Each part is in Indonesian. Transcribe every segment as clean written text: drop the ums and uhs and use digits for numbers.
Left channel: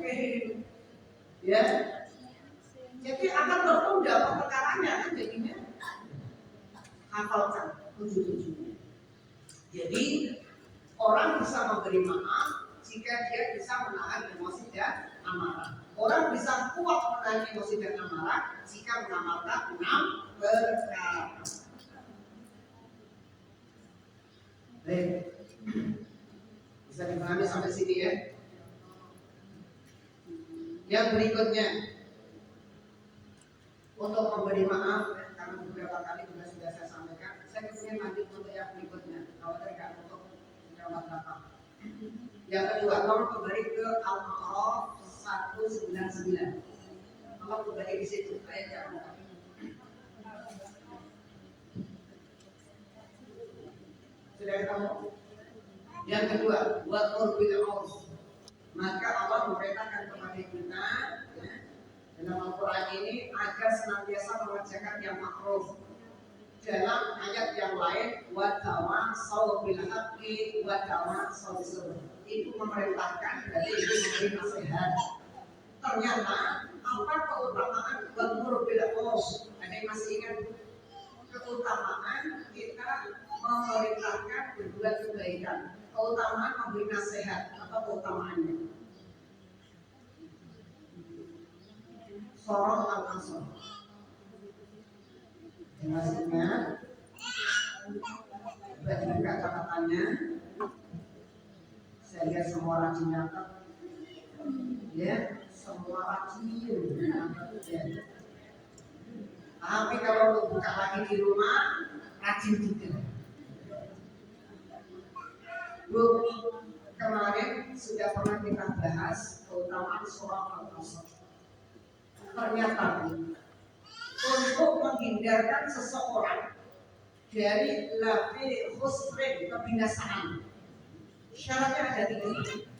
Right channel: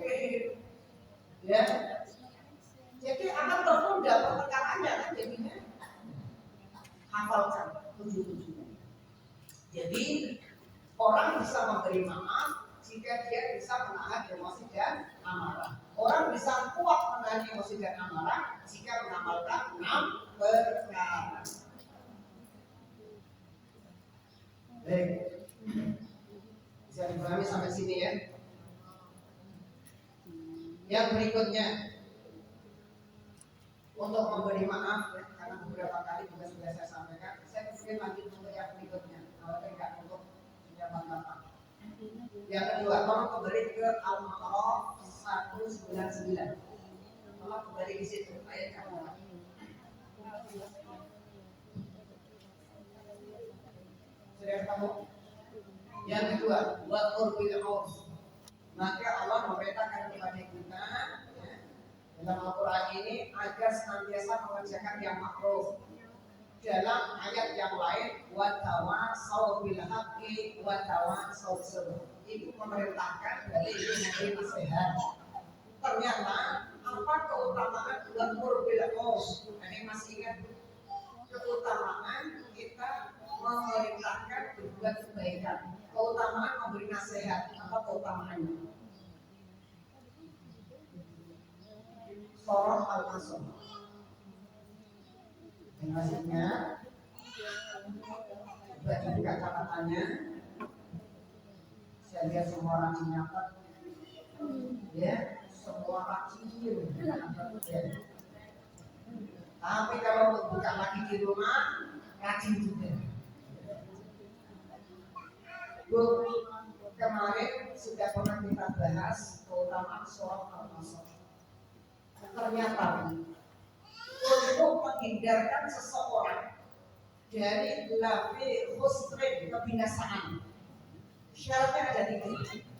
oke. Ya. Jadi akan tertunda perkataannya kan jadinya hafalkan 7-7. Jadi orang bisa memberi maaf jika dia bisa menahan emosi dan amarah. Orang bisa kuat menahan emosi dan amarah jika mengamalkan 6 perkara. Baik, bisa dipahami sampai sini ya. Yang berikutnya, untuk memberi maaf, karena beberapa kali juga sudah saya sampaikan, saya kemudian lanjut untuk yang berikutnya. Kalau tidak untuk jawab bapak. Yang kedua, tolong kembali ke Al-Ma'araf 199. Tolong kembali di situ ayatnya. Sudah ketemu? Yang kedua, wa'mur bil 'urf. Maka Allah memerintahkan kepada kita ya, dalam Al-Quran ini agar senantiasa mengerjakan yang ma'ruf. Dalam ayat yang lain, wa tawassaw bil haqqi wa tawassaw bis sabr. Itu memerintahkan, berarti itu memberi nasihat. Ternyata apa keutamaan wa'mur bil 'urf? Ada yang masih ingat keutamaan kita memerintahkan berbuat kebaikan? Keutamaan memberi nasihat, apa keutamaannya? Surah Al-Asr. Yang masih ingat? Buka catatannya. Saya lihat semua rajin nyatet. Ya, semua rajin ya. Tapi kalau buka lagi di rumah, rajin juga. Kemarin sudah pernah kita bahas keutamaan surah Al-Asr. Ternyata untuk menghindarkan seseorang dari lafi khusrin, kebinasaan, syaratnya ada 3.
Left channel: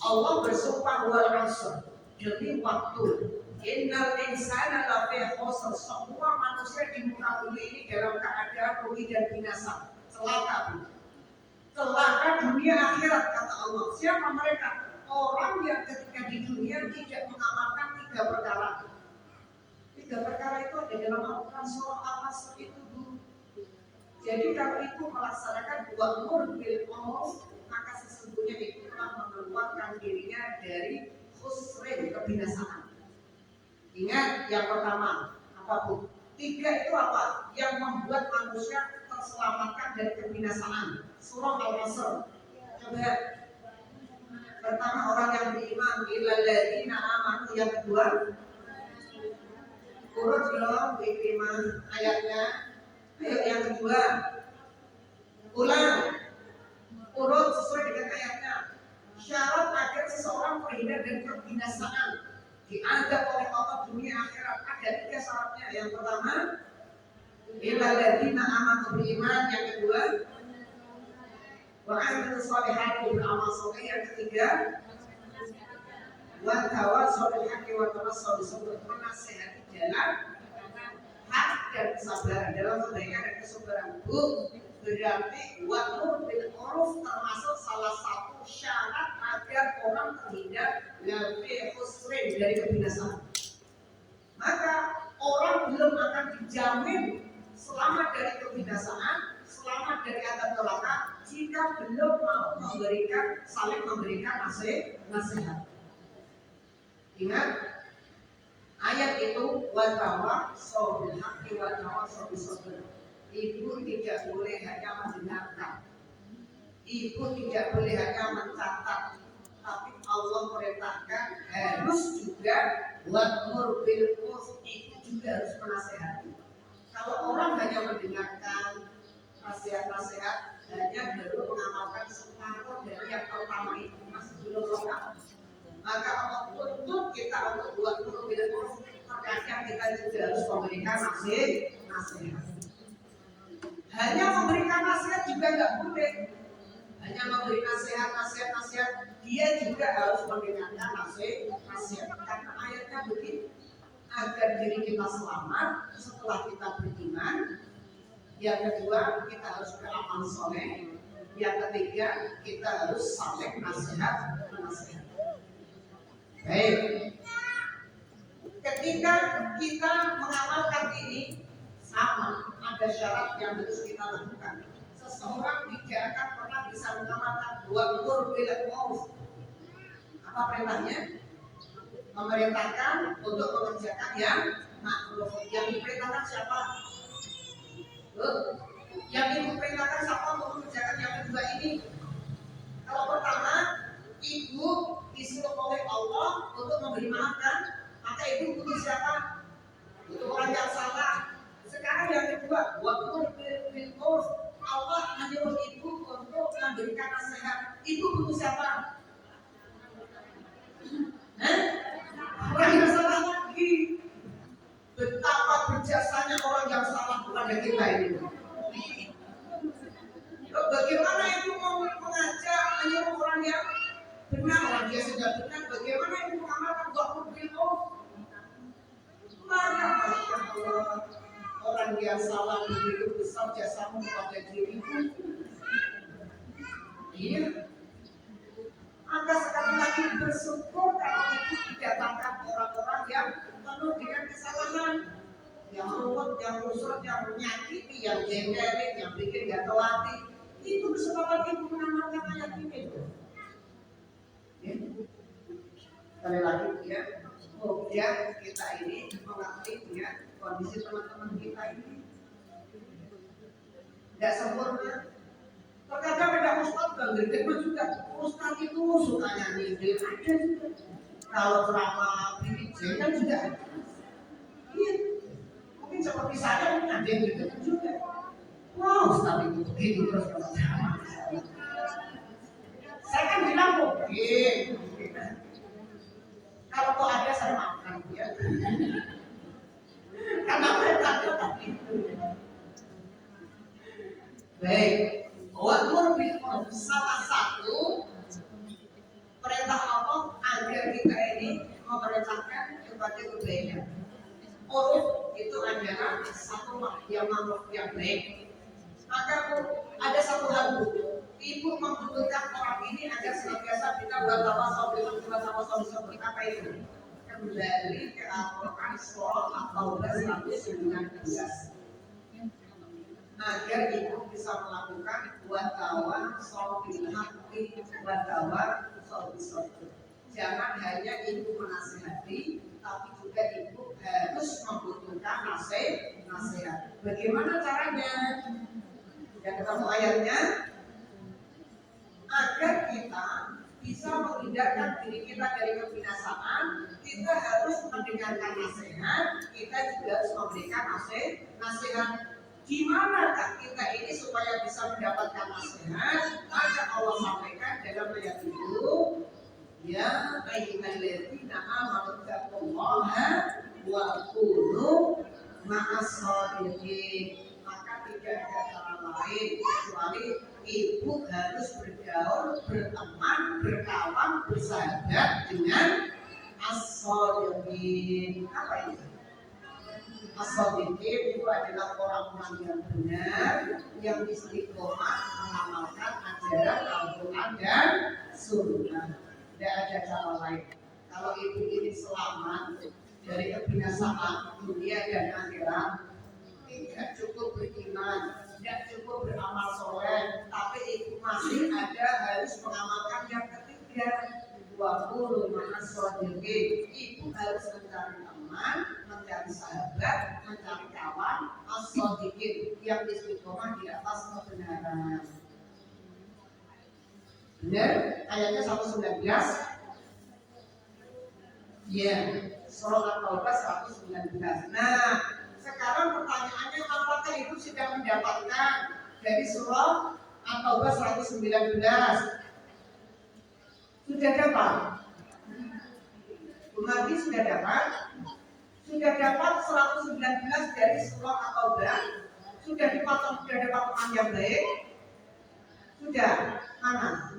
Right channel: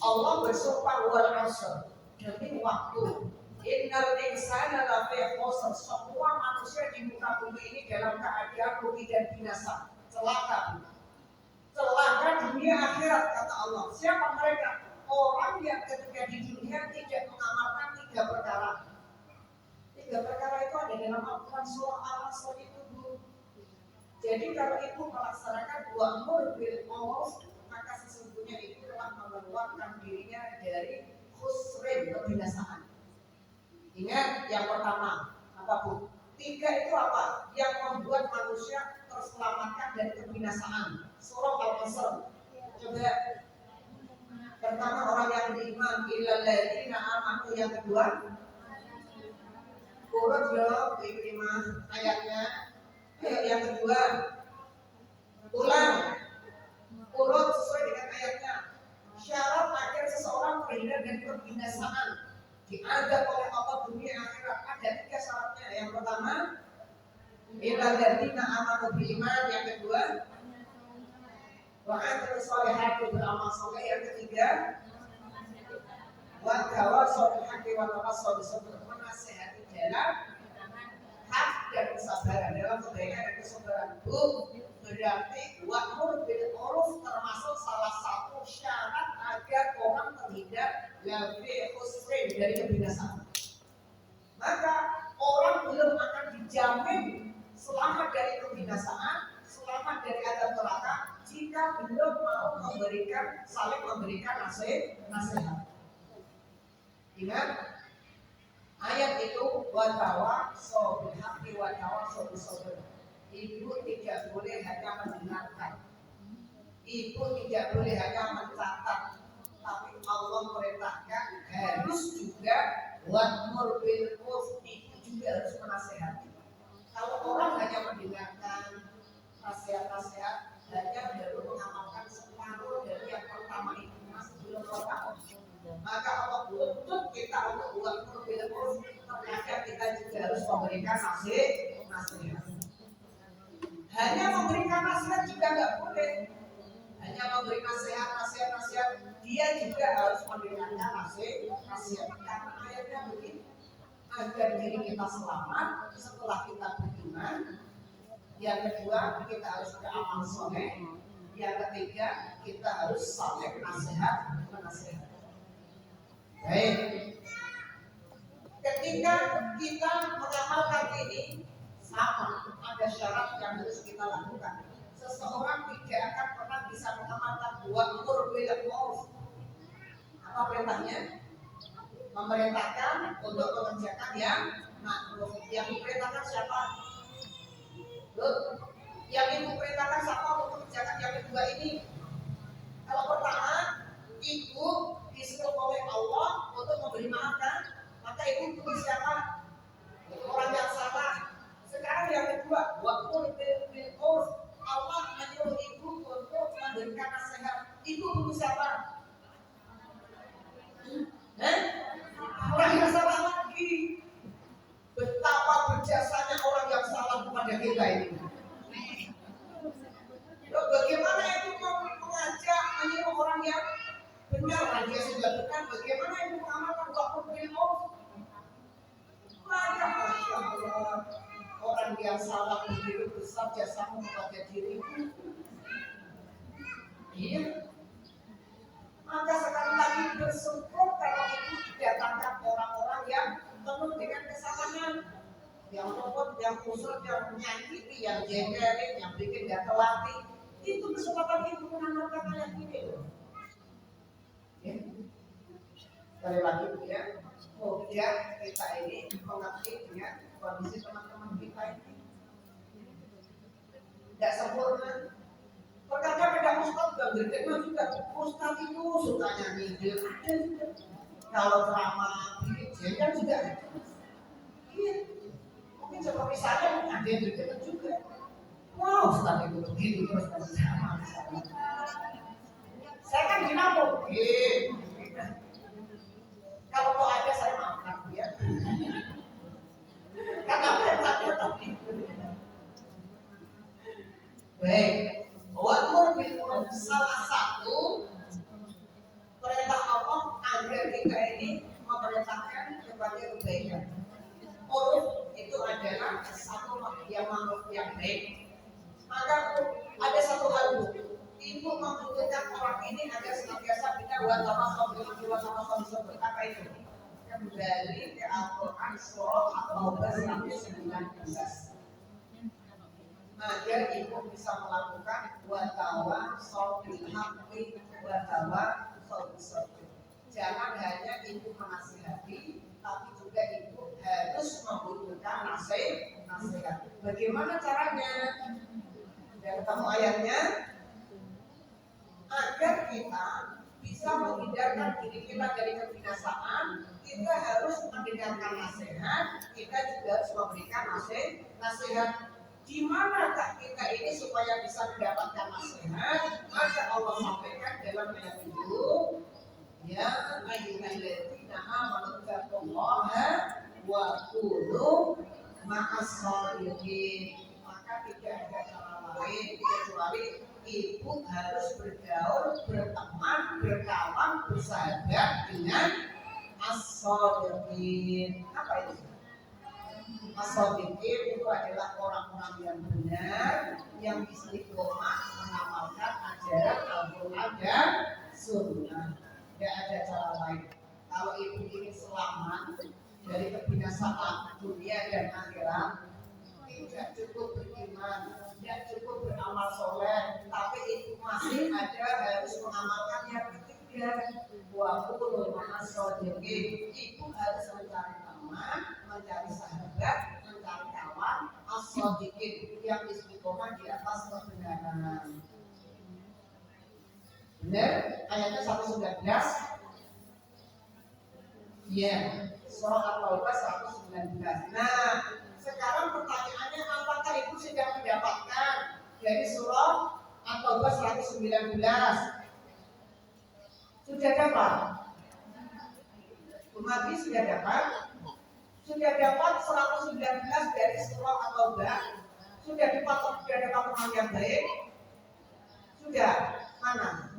Allah bersumpah wal 'asr, demi waktu. Innal insana lafi khusr, semua manusia di muka bumi ini dalam keadaan rugi dan binasa, celaka. Celaka dunia akhirat, kata Allah. Siapa mereka? Orang yang ketika di dunia tidak mengamalkan 3 perkara. 3 perkara itu ada dalam Al-Quran surah Al-Asr itu dulu. Jadi kalau itu melaksanakan wa'mur bil 'urf, maka sesungguhnya itu telah mengeluarkan dirinya dari khusrin, kebinasaan. Ingat yang pertama, apa Bu? 3 itu apa? Yang membuat manusia terselamatkan dari kebinasaan. Surah Al-Asr. Coba. Pertama, orang yang beriman, illal ladzina amanu. Yang kedua, urut dong beriman ayatnya. Ayo yang kedua, ulang, urut sesuai dengan ayatnya. Syarat agar seseorang terhindar dari kebinasaan, diadab oleh Allah dunia akhirat, ada 3 syaratnya. Yang pertama, illal ladzina amanu beriman. Yang kedua, wa amilus sholihati, beramal saleh. Yang ketiga, wa tawassaw bil haqqi wa tawassaw bis sabr, menasihati jalan hak dan kesabaran, dalam kebaikan dan kesabaran. Berarti wa'mur bil 'urf termasuk salah satu syarat agar orang terhindar dari khusrin, dari kebinasaan. Maka orang belum akan dijamin selamat dari kebinasaan, selamat dari adab neraka, jika belum mau saling memberikan nasihat. Ingat ayat itu, wa tawassaw bil haqqi wa tawassaw bis sabr. Ibu tidak boleh hanya mendengarkan, ibu tidak boleh hanya mencatat, tapi Allah perintahkan harus juga wa'mur bil 'urf, ibu juga harus menasihati. Kalau orang hanya mendengarkan nasihat-nasihat, hanya baru mengamalkan separuh dari yang pertama itu, masih belum lengkap. Maka Allah tuntut kita untuk wa'mur bil 'urf, terkadang kita juga harus memberikan nasihat. Hanya memberikan nasihat juga nggak boleh. Hanya memberi nasihat, dia juga harus mendengarkan nasihat. Karena ayatnya begini, agar diri kita selamat setelah kita beriman. Yang kedua, kita harus beramal soleh. Yang ketiga, kita harus saling menasihati. Baik. Ketika kita mengamalkan ini sama, ada syarat yang harus kita lakukan. Seseorang tidak akan pernah bisa mengamalkan dua umur bila uruf. Apa perintahnya? Memerintahkan untuk mengerjakan yang makruh. Yang diperintahkan siapa? Yang diperintahkan siapa untuk mengerjakan yang kedua ini? Kalau pertama, ibu disuruh oleh Allah untuk memberi maafkan, maka ibu butuh siapa? Butuh orang yang salah. Sekarang yang kedua, waktu bil urf, Allah menyuruh ibu untuk memberikan nasihat. Ibu butuh siapa? Orang yang salah lagi. Betapa berjasanya orang yang salah kepada kita ini. Bagaimana ibu mengajak menyuruh orang yang benar, orang dia sudah benar, bagaimana ibu mengamalkan waktu bil urf? Maka Masya Allah, orang yang salah begitu besar jasamu kepada diriku. Iya. Maka sekali lagi bersyukur kalau ibu didatangkan orang-orang yang penuh dengan kesalahan, yang ruwet, yang kusut, yang menyakiti, yang jengkelin, yang bikin gatel hati. Itu kesempatan ibu mengamalkan ayat ini. Ya. Sekali lagi ya, semoga kita ini mengerti ya kondisi teman-teman kita ini tidak sempurna. Terkadang ada ustadz dan gergetnya juga, ustadz itu suka nyanyi, ada juga. Kalau ceramah bikin jengkel juga ada. Iya, mungkin seperti saya ada yang gergetnya juga. Wah, ustadz itu begitu terus kalau ceramah. Saya kan bilang mungkin. Kalau kok ada saya maafkan dia. Karena mereka tadi. Baik, wa'mur bil urf, salah satu perintah Allah agar kita ini memerintahkan kepada kebaikan. Uruf itu adalah satu yang makhluk yang baik. Maka ada satu hal ibu membutuhkan orang ini agar senantiasa kita bertawassul dengan bertawassul seperti apa itu? Kembali ke Al-Quran surah At-Taubah 119. Agar ibu bisa melakukan watawassul bil haqqi watawassul bis sabr. Jangan hanya ibu menasihati, tapi juga ibu harus membutuhkan nasihat. Bagaimana caranya? Yang ketemu ayatnya, agar kita bisa menghindarkan diri kita dari kebinasaan, kita harus mendengarkan nasihat, kita juga harus memberikan nasihat. Gimanakah kita ini supaya bisa mendapatkan nasihat? Maka Allah sampaikan dalam ayat itu, ya ayyuhalladzina amanu taqullaha wa kunu ma'as-shadiqin. Maka tidak ada cara lain kecuali ibu harus bergaul, berteman, berkawan, bersahabat dengan as-shadiqin. Apa itu? As-shadiqin itu adalah orang-orang yang benar, yang istiqomah mengamalkan ajaran Al-Quran dan Sunnah. Tidak ada cara lain. Kalau ibu ingin selamat dari kebinasaan dunia dan akhirat, tidak cukup beriman, tidak cukup beramal soleh, tapi ibu masih ada harus mengamalkan yang ketiga. Wa qulu ma'as-shadiqin. Ibu harus mencari teman, mencari sahabat, mencari kawan, as-shadiqin yang istiqomah di atas kebenaran. Benar? Ayatnya 119. Ya, surah At-Taubah 119. Nah, sekarang pertanyaannya, apakah ibu sudah mendapatkan dari surah At-Taubah 119? Sudah dapat? Umat sudah dapat? Sudah dapat 119 dari surah At-Taubah? Sudah dapat teman yang baik? Sudah? Mana?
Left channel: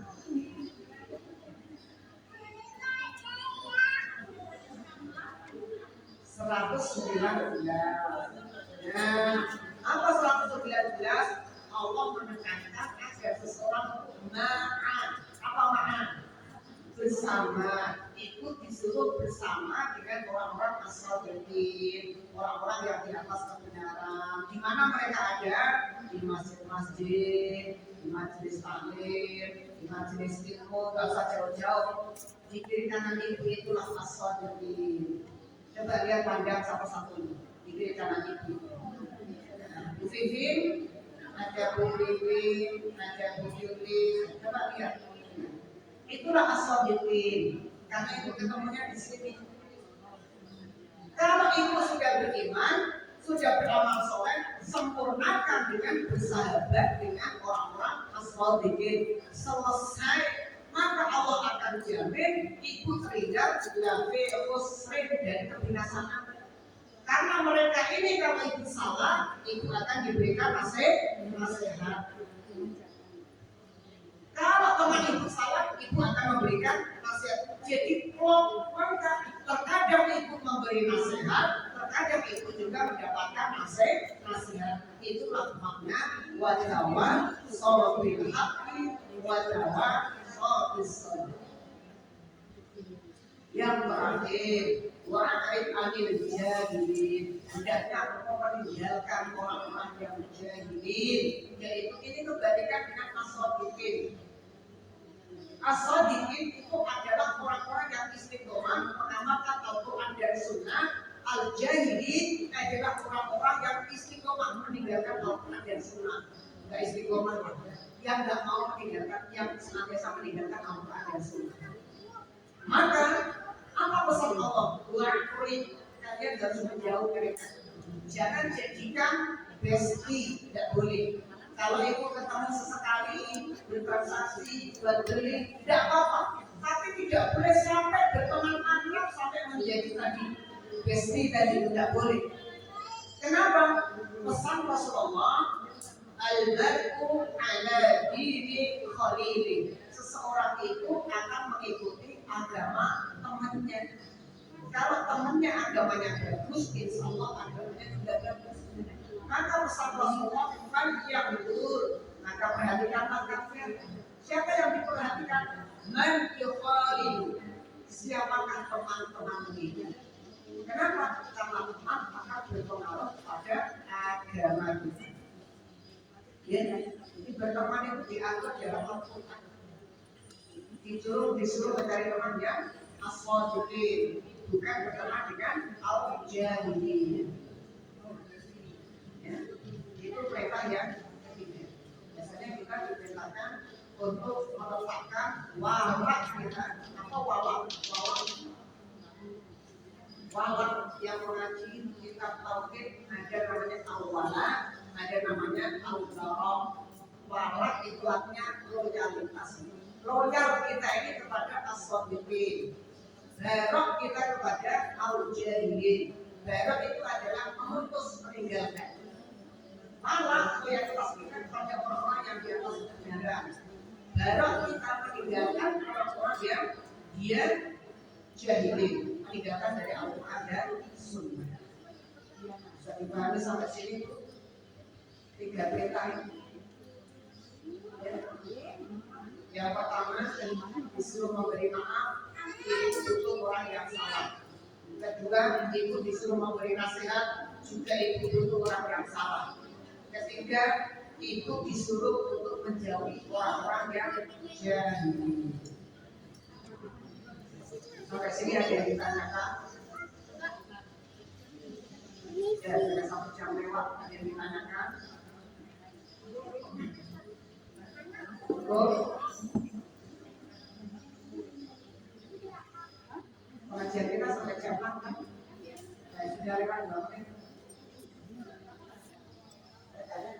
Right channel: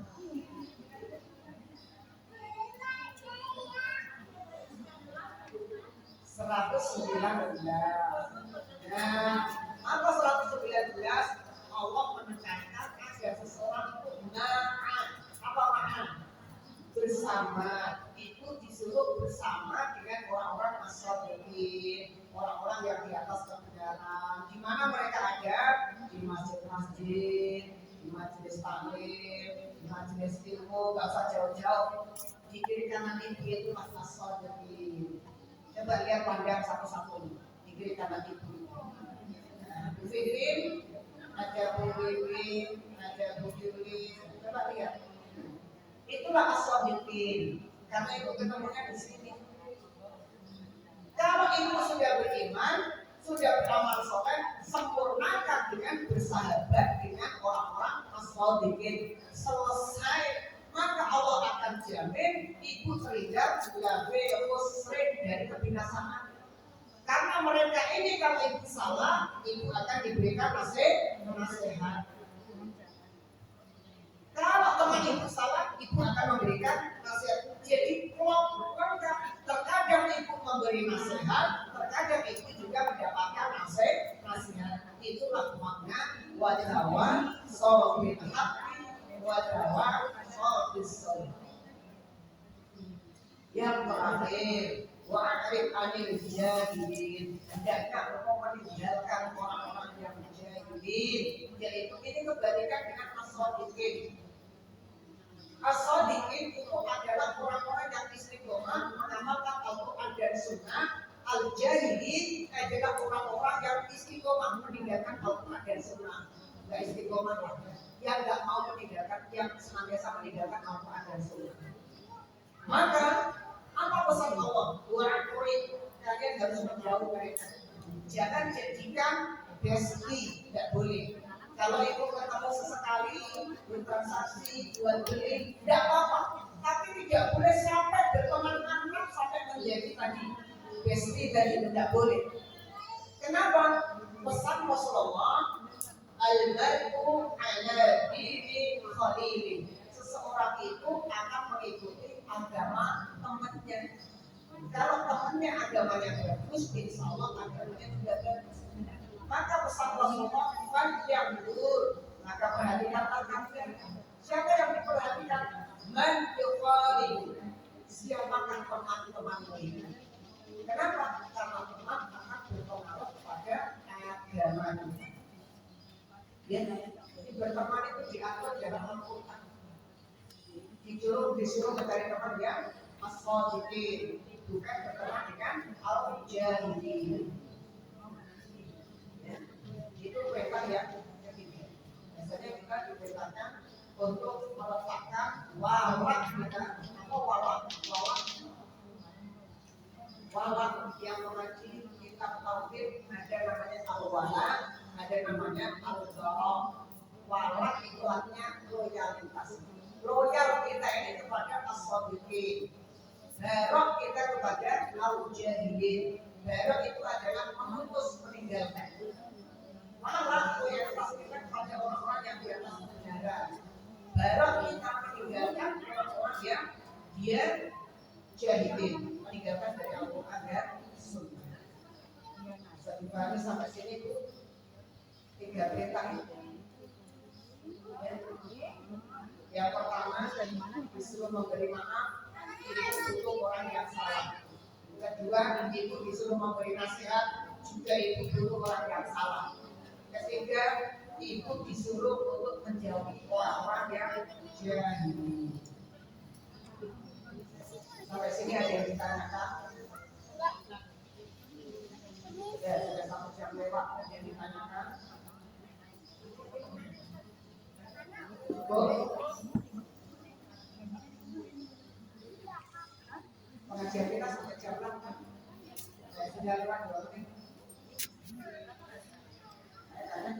Nah, apa 119? Allah menekankan agar seseorang ma'an. Apa ma'an? Bersama. Itu disuruh bersama dengan orang-orang as-shadiqin, orang-orang yang di atas kebenaran. Di mana mereka ada? Di masjid-masjid, di majelis taklim, di majelis ilmu, gak usah jauh-jauh. Di kiri kanan ibu itulah as-shadiqin. Coba lihat pandang satu-satu di kiri kanan ibu. Bu Vivin, ada Bu Wiwin, ada Bu Yuli. Coba lihat. Itulah as-shadiqin. Karena ibu ketemunya di sini. Kalau ibu sudah beriman, sudah beramal soleh, sempurnakan dengan bersahabat dengan orang-orang as-shadiqin. Selesai, maka Allah akan jamin ibu terhindar dari khusrin dan kebinasaan. Karena mereka ini kalau ibu salah, ibu akan diberikan nasihat. Kalau teman ibu salah, ibu akan memberikan nasihat. Jadi mereka terkadang ibu memberi nasihat, terkadang ibu juga mendapatkan nasihat. Itulah makna wajawa sobil haqqi wajawa sobil sobil. Yang terakhir, wa'arif anil jahilin. Hendaknya engkau meninggalkan orang-orang yang jahilin. Yaitu ini kebalikan dengan as-shadiqin. As-shadiqin itu adalah orang-orang yang istiqomah mengamalkan Al-Quran dan Sunnah. Al-jahilin adalah orang-orang yang istiqomah meninggalkan Al-Quran dan Sunnah. Enggak istiqomah, yang enggak mau meninggalkan, yang senantiasa meninggalkan Al-Quran dan Sunnah. Maka apa pesan Allah? Wa'arif, kalian harus menjauh mereka. Jangan jadikan bestie, tidak boleh. Kalau itu ketemu sesekali, bertransaksi, jual beli, tidak apa-apa. Tapi tidak boleh sampai berteman akrab sampai menjadi tadi bestie tadi, tidak boleh. Kenapa? Pesan Rasulullah, al-mar'u ala dini khalili. Seseorang itu akan mengikuti agama temannya. Kalau temannya agamanya bagus, insya Allah agamanya juga bagus. Maka pesan Rasulullah yang betul, maka perhatikanlah kalian. Siapa yang diperhatikan? Man yuqalidu. Siapakah teman-temanmu itu? Kenapa? Karena teman akan berpengaruh pada agama kita. Ya, jadi berteman itu diatur dalam Al-Quran. Disuruh mencari teman yang as-shadiqin, bukan berteman dengan al-jahilin. Ya, itu perintah yang ketiga. Biasanya kita diperintahkan untuk meletakkan walak kita. Apa walak? Walak yang mengaji kitab tauhid, ada namanya al-wala, ada namanya al-zarah. Walak itu artinya loyalitas. Loyal kita ini kepada as-shadiqin. Barok kita kepada al-jahilin. Barok itu adalah memutus, meninggalkan. Malah loyalitas kita kepada orang-orang yang di atas kebenaran. Barok kita meninggalkan orang-orang yang dia jahilin, meninggalkan dari Al-Quran dan Sunnah. Bisa dipahami sampai sini tuh 3 perintah ini. Yang pertama, disuruh memberi maaf, itu orang yang salah. Kedua, itu disuruh memberi nasihat, juga itu orang yang salah. Ketiga, itu disuruh untuk menjauhi orang-orang yang jahil. Sampai sini ada yang ditanyakan? Ya, sudah 1 jam lewat, ada yang ditanyakan? Betul? Pengajian kita sampai jam 8 kan? Sudah lewat berapa menit? Saya tanya